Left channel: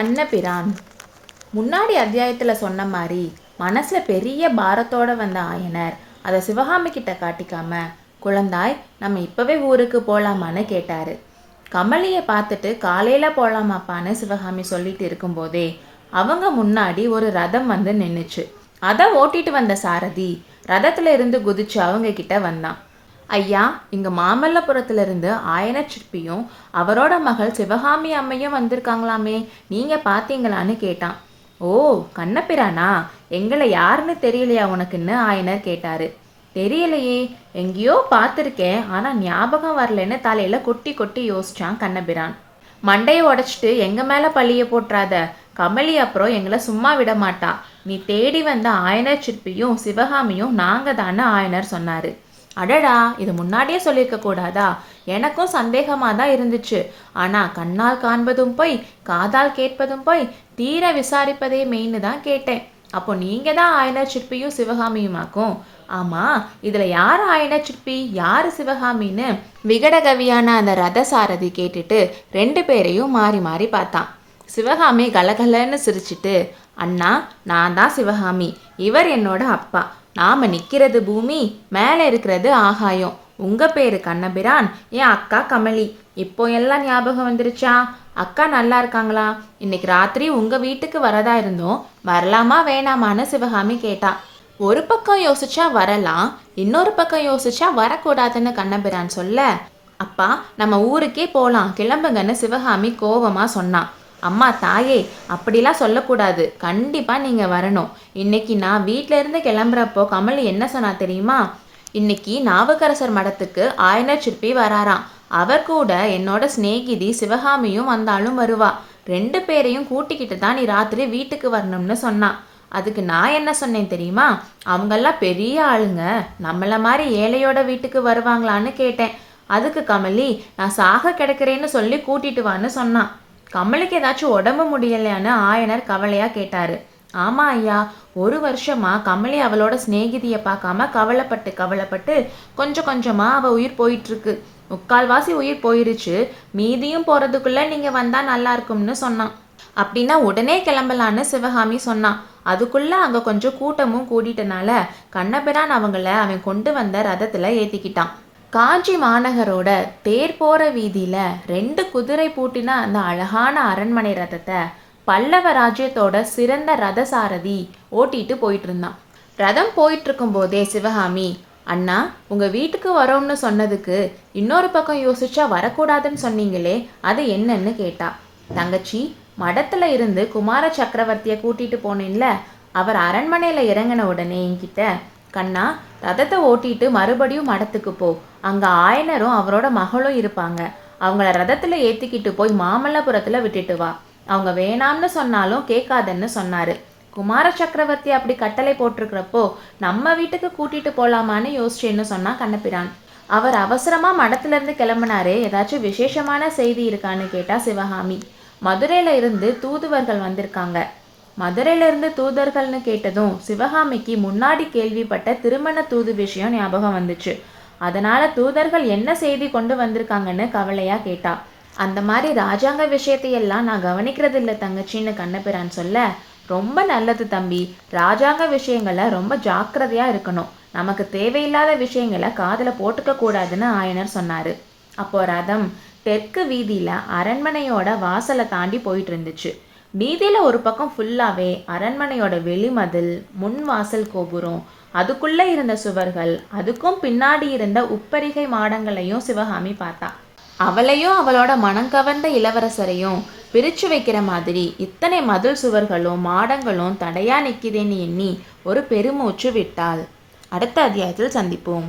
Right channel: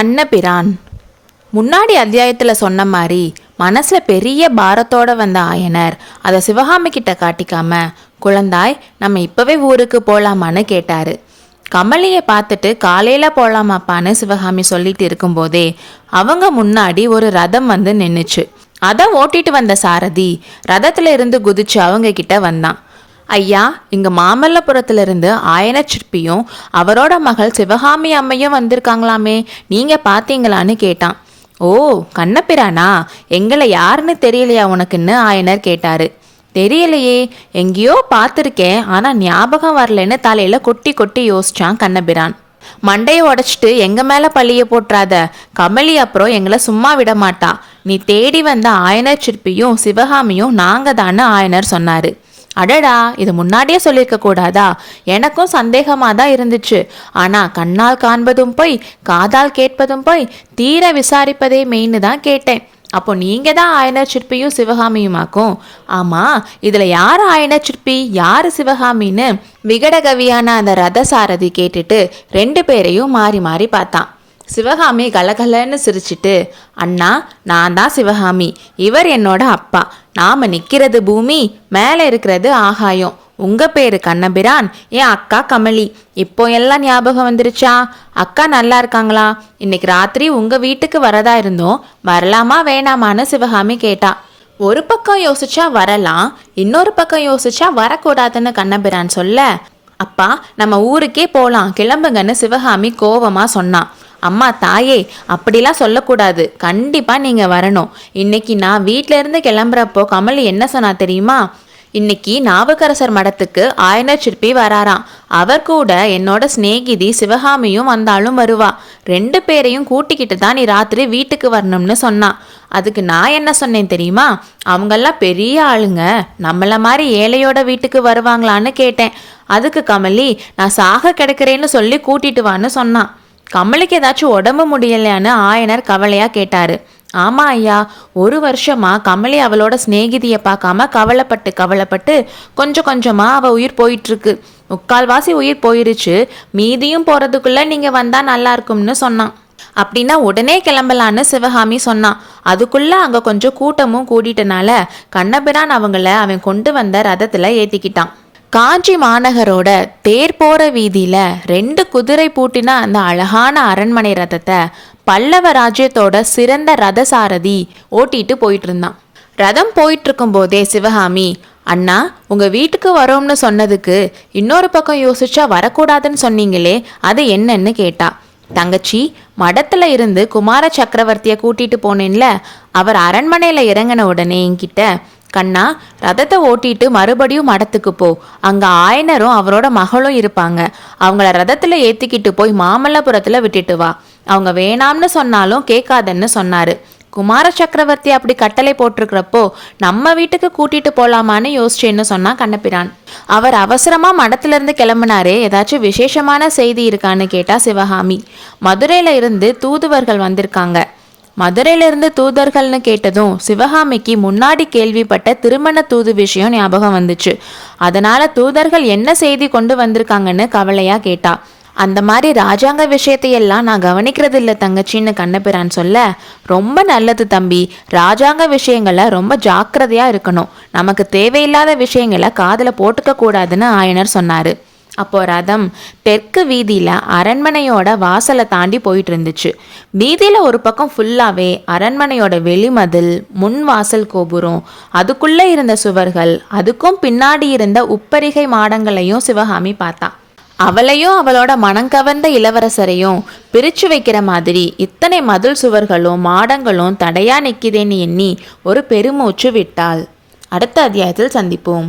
கண்ணபிரான். முன்னாடி அத்தியாயத்தில் சொன்ன மாதிரி மனசில் பெரிய பாரத்தோடு வந்த ஆயனர் அதை சிவகாமி கிட்ட காட்டிக்காம, குழந்தாய் நம்ம இப்போவே ஊருக்கு போகலாமான்னு கேட்டார். கமலியை பார்த்துட்டு காலையில் போகலாமாப்பான்னு சிவகாமி சொல்லிட்டு இருக்கும்போதே அவங்க முன்னாடி ஒரு ரதம் வந்து நின்றுச்சு. அதை ஓட்டிட்டு வந்த சாரதி ரதத்துல இருந்து குதிச்சு அவங்க கிட்ட வந்தான். ஐயா, இங்கே மாமல்லபுரத்திலிருந்து ஆயன சிற்பியும் அவரோட மகள் சிவகாமி அம்மையும் வந்திருக்காங்களாமே, நீங்கள் பார்த்தீங்களான்னு கேட்டான். ஓ, கண்ணபிரானா, எங்களை யாருன்னு தெரியலையா உனக்குன்னு ஆயனர் கேட்டார். தெரியலையே, எங்கேயோ பார்த்துருக்கேன், ஆனால் ஞாபகம் வரலன்னு தலையில் கொட்டி கொட்டி யோசிச்சான் கண்ணபிரான். மண்டையை உடைச்சிட்டு எங்கள் மேலே பள்ளியை போட்டுறாத, கமலி அப்புறம் எங்களை சும்மா விட மாட்டா. நீ தேடி வந்த ஆயனர் சிற்பியும் சிவகாமியும் நாங்கள் தானே ஆயனர் சொன்னார். அடடா, இது முன்னாடியே சொல்லியிருக்க கூடாதா? எனக்கும் சந்தேகமாக தான் இருந்துச்சு. ஆனால் கண்ணால் காண்பதும் போய் காதால் கேட்பதும் போய் தீர விசாரிப்பதே மெயின்னு தான் கேட்டேன். அப்போ நீங்கள் தான் ஆயனர் சிற்பியும் சிவகாமியுமாக்கும். ஆமாம், இதில் யார் ஆயனர் சிற்பி யார் சிவகாமின்னு விகடகவியான அந்த ரதசாரதி கேட்டுட்டு 2 பேரையும் மாறி மாறி பார்த்தான். சிவகாமி கலகலன்னு சிரிச்சிட்டு, அண்ணா, நான் தான் சிவகாமி, இவர் என்னோட அப்பா, நாம் நிற்கிறது பூமி, மேலே இருக்கிறது ஆகாயம், உங்கள் பேர் கண்ணபிரான், என் அக்கா கமலி, இப்போ எல்லாம் ஞாபகம் வந்துருச்சா? அக்கா நல்லா இருக்காங்களா? இன்னைக்கு ராத்திரி உங்கள் வீட்டுக்கு வரதா இருந்தோம், வரலாமா வேணாமான்னு சிவகாமி கேட்டா. ஒரு பக்கம் யோசிச்சா வரலாம், இன்னொரு பக்கம் யோசிச்சா வரக்கூடாதுன்னு கண்ணபிரான் சொல்ல, அப்பா நம்ம ஊருக்கே போகலாம், கிளம்புங்கன்னு சிவகாமி கோபமாக சொன்னான். அம்மா தாயே, அப்படிலாம் சொல்லக்கூடாது, கண்டிப்பாக நீங்கள் வரணும். இன்னைக்கு நான் வீட்டிலேருந்து கிளம்புறப்போ கமலி என்ன சொன்னா தெரியுமா? இன்னைக்கு நாவுக்கரசர் மடத்துக்கு ஆயனர் சிற்பி வராராம், அவர் கூட என்னோட சிநேகிதி சிவகாமியும் வந்தாலும் வருவா, 2 பேரையும் கூட்டிக்கிட்டு தான் நீ ராத்திரி வீட்டுக்கு வரணும்னு சொன்னான். அதுக்கு நான் என்ன சொன்னேன் தெரியுமா? அவங்கெல்லாம் பெரிய ஆளுங்க, நம்மள மாதிரி ஏழையோட வீட்டுக்கு வருவாங்களான்னு கேட்டேன். அதுக்கு கமலி நான் சாக கிடக்கிறேன்னு சொல்லி கூட்டிட்டு வான்னு சொன்னான். கமலிக்கு ஏதாச்சும் உடம்பு முடியலையான்னு ஆயனர் கவலையாக கேட்டார். ஆமாம் ஐயா, 1 வருஷமா கமலி அவளோட சிநேகிதியை பார்க்காம கவலைப்பட்டு கொஞ்சம் கொஞ்சமாக அவள் உயிர் போயிட்டுருக்கு. 3/4 உயிர் போயிருச்சு, மீதியும் போகிறதுக்குள்ளே நீங்கள் வந்தால் நல்லா இருக்கும்னு சொன்னான். அப்படின்னா உடனே கிளம்பலான்னு சிவகாமி சொன்னான். அதுக்குள்ளே அங்கே கொஞ்சம் கூட்டமும் கூட்டிட்டனால கண்ணபிரான் அவன் கொண்டு வந்த ரதத்தில் ஏற்றிக்கிட்டான். காஞ்சி மாநகரோட தேர் போகிற வீதியில் 2 குதிரை பூட்டின அந்த அழகான அரண்மனை ரதத்தை பல்லவ ராஜ்யத்தோட சிறந்த ரதசாரதி ஓட்டிட்டு போயிட்டு இருந்தான். ரதம் போயிட்டு இருக்கும் போதே சிவகாமி, அண்ணா, உங்கள் வீட்டுக்கு வரோம்னு சொன்னதுக்கு இன்னொரு பக்கம் யோசிச்சா வரக்கூடாதுன்னு சொன்னீங்களே, அது என்னன்னு கேட்டா. தங்கச்சி, மடத்துல இருந்து குமார சக்கரவர்த்தியை கூட்டிட்டு போனேன்ல, அவர் அரண்மனையில் இறங்கின உடனே என்கிட்ட, கண்ணா, ரதத்தை ஓட்டிட்டு மறுபடியும் மடத்துக்கு போ, அங்கே ஆயனரும் அவரோட மகளும் இருப்பாங்க, அவங்கள ரதத்தில் ஏற்றிக்கிட்டு போய் மாமல்லபுரத்தில் விட்டுட்டு வா, அவங்க வேணாம்னு சொன்னாலும் கேட்காதன்னு சொன்னார். குமார சக்கரவர்த்தி அப்படி கட்டளை போட்டிருக்கிறப்போ நம்ம வீட்டுக்கு கூட்டிட்டு போகலாமான்னு யோசிச்சேன்னு சொன்னா கண்ணபிரான். அவர் அவசரமாக மடத்துலேருந்து கிளம்புனாரே, ஏதாச்சும் விசேஷமான செய்தி இருக்கான்னு கேட்டா சிவகாமி. மதுரையில் இருந்து தூதுவர்கள் வந்திருக்காங்க. மதுரையிலிருந்து தூதர்கள்னு கேட்டதும் சிவகாமிக்கு முன்னாடி கேள்விப்பட்ட திருமண தூது விஷயம் ஞாபகம் வந்துச்சு. அதனால தூதர்கள் என்ன செய்தி கொண்டு வந்திருக்காங்கன்னு கவலையா கேட்டா. அந்த மாதிரி ராஜாங்க விஷயத்தையெல்லாம் நான் கவனிக்கிறது இல்லை தங்கச்சின்னு கண்ணபிரான் சொல்ல, ரொம்ப நல்லது தம்பி, ராஜாங்க விஷயங்களை ரொம்ப ஜாக்கிரதையா இருக்கணும், நமக்கு தேவையில்லாத விஷயங்களை காதில் போட்டுக்க கூடாதுன்னு ஆயனர் சொன்னாரு. அப்போ ரதம் தெற்கு வீதியில் அரண்மனையோட வாசலை தாண்டி போயிட்டு இருந்துச்சு. வீதியில் ஒரு பக்கம் ஃபுல்லாகவே அரண்மனையோட வெளிமதில், முன் வாசல் கோபுரம், அதுக்குள்ளே இருந்த சுவர்கள், அதுக்கும் பின்னாடி இருந்த உப்பரிகை மாடங்களையும் சிவகாமி பார்த்தா. அவளையும் அவளோட மனங்கவர்ந்த இளவரசரையும் பிரித்து வைக்கிற மாதிரி இத்தனை மதில் சுவர்களும் மாடங்களும் தடையா நிற்கிதேன்னு எண்ணி ஒரு பெருமூச்சு விட்டாள். அடுத்த அத்தியாயத்தில் சந்திப்போம்.